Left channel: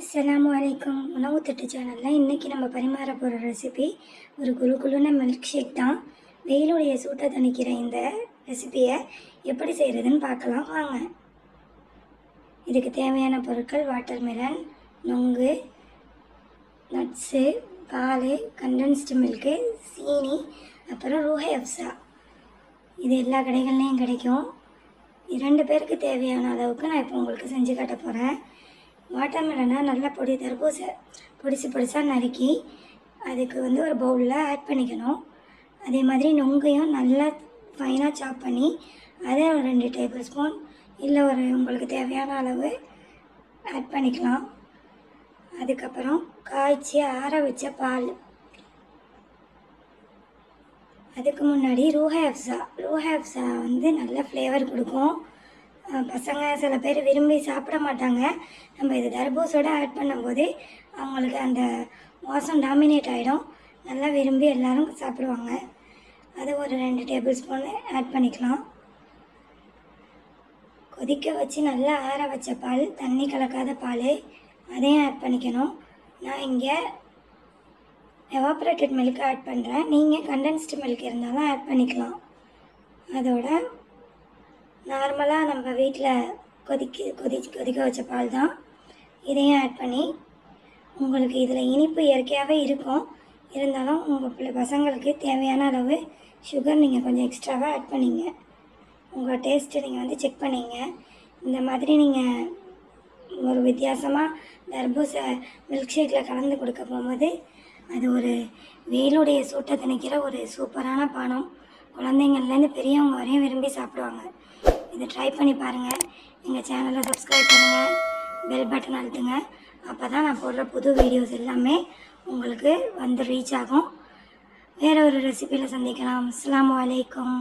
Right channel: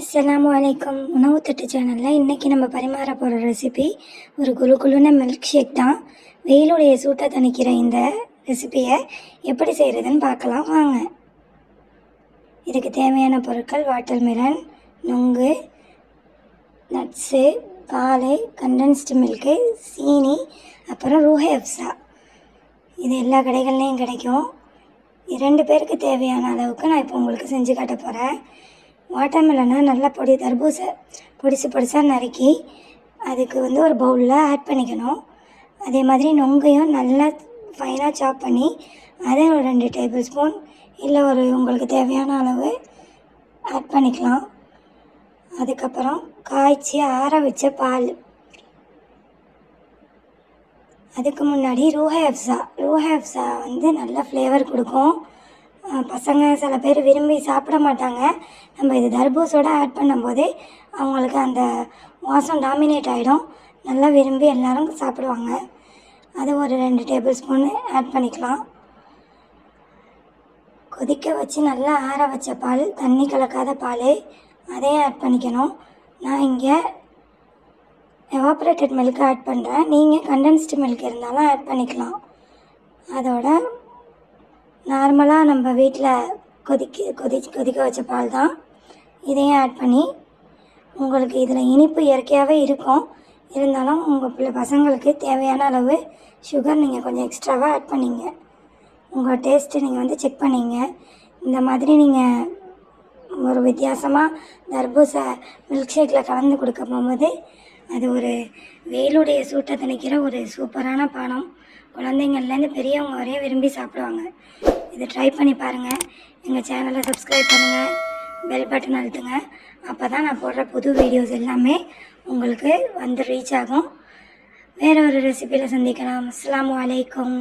அஸ்ஸலாமு அலைக்கும். உணவு தட்டு சேனலில் இன்றைக்கி நம்ம பரிமாற போகிற ரெசிபி ஒரு குழுக்குழுன மில்க் ஷேக் தான். வெயிலுடைய சூட்டை தணிக்கிற இந்த ரெசிபியை எப்படி செய்கிறதுன்னு பார்க்கலாம் வாங்க. இதுக்கு தேவையான பொருட்கள் வாட்டர்மெலன், நுங்கு, நட்ஸு, பால், கண்டென்ஸ்டு மில்க்கு, சீனி, அப்புறம் ரூஹே அஃப்ஸா. இது எல்லா கடைகள்லேயும் கிடைக்கும். 2 பேருக்கு தேவையான அளவுக்கு நான் இப்போ உங்களுக்கு செஞ்சு காட்ட போகிறேன். வாட்டர்மெலனை நல்லா தர்பூசை பொடிசாக நறுக்கி அதுக்கு ஒரு பவுலில் ஆட் பண்ணிக்கணும். அதே மாதிரி நொங்கையும் நல்லா ஃபைனாக சாப் பண்ணி அதை ஒரு 2 டேபிள் ஸ்பூன் இல்லை உங்களுக்கு தேவையான அளவு ஆட் பண்ணிக்கலாம். அதுக்கப்புறம் காய்ச்சி ஆற வச்ச பால். அதுக்கு முன்னாடி ரூஹே அஃப்ஸா நல்ல ஃப்ளேவர் கொடுக்கும். பசங்க சில பேர் விரும்பி சாப்பிட மாட்டாங்க. நம்ம இது தர்பூசோட ஆட் பண்ணும்போதே அவங்களுக்கு அந்த வாசம் டாமினேட் ஆகிடும். நல்லா விரும்பி எல்லோரும் சாப்பிடுவாங்க. அது ஒரு 2 டேபிள் ஸ்பூன் ஆட் பண்ணிக்கலாம். கொதிக்க வச்சு நல்லா ஆற வச்ச பால், தண்ணி கலக்காத பால், அதையும் ஆட் பண்ணிக்கணும். நான் இங்கே எவாப்ரேட்டட் மில்க் ஆட் பண்ணுறேன். நீங்கள் கண்டென்ஸ்டு மில்க் இருந்தாலும் ஆட் பண்ணிக்கலாம். அதோட நார்மலாக நம்ம வீட்டில் கொதிக்க வச்ச பால் தான். இதையும் ஆட் பண்ணி உங்களுக்கு இதில் இனிப்பு இயற்கையாகவே இருக்கும். இருந்தாலும் உங்கள் பசங்களுக்கு தேவையான அளவு சுகர் நீங்கள் கொஞ்சம் எக்ஸ்ட்ராவாக ஆட் பண்ணிங்க. உங்கள் டேஸ்ட்டு நீங்கள் செக் பண்ணிங்க. இந்த மாதிரி நீங்கள் ஒரு வித்தியாசமாக தர்பூசை மில்க் ஷேக்கில் கலந்து கொடுக்க போகும்போது அது ஒரு வெயிலுடைய சூட்டை தணிக்கிற ஒரு சூப்பரான பானம். குழந்தைங்கள்லேருந்து பெரியவங்க வரையும் விரும்பி சாப்பிடுவாங்க. இதை ட்ரை பண்ணி பாருங்கள். எங்கள் சேனலை சப்ஸ்கிரைப் பண்ணுங்கள், பெல் பட்டன் அழுத்துங்க. அப்போ தான் நான் போடுற புது வீடியோஸ் எல்லாமே உங்களுக்கு ரீச் ஆகும். வேறு ஒரு ரெசிபியில் சந்திக்கலாம். அஸ்ஸலாமு அலைக்கும்.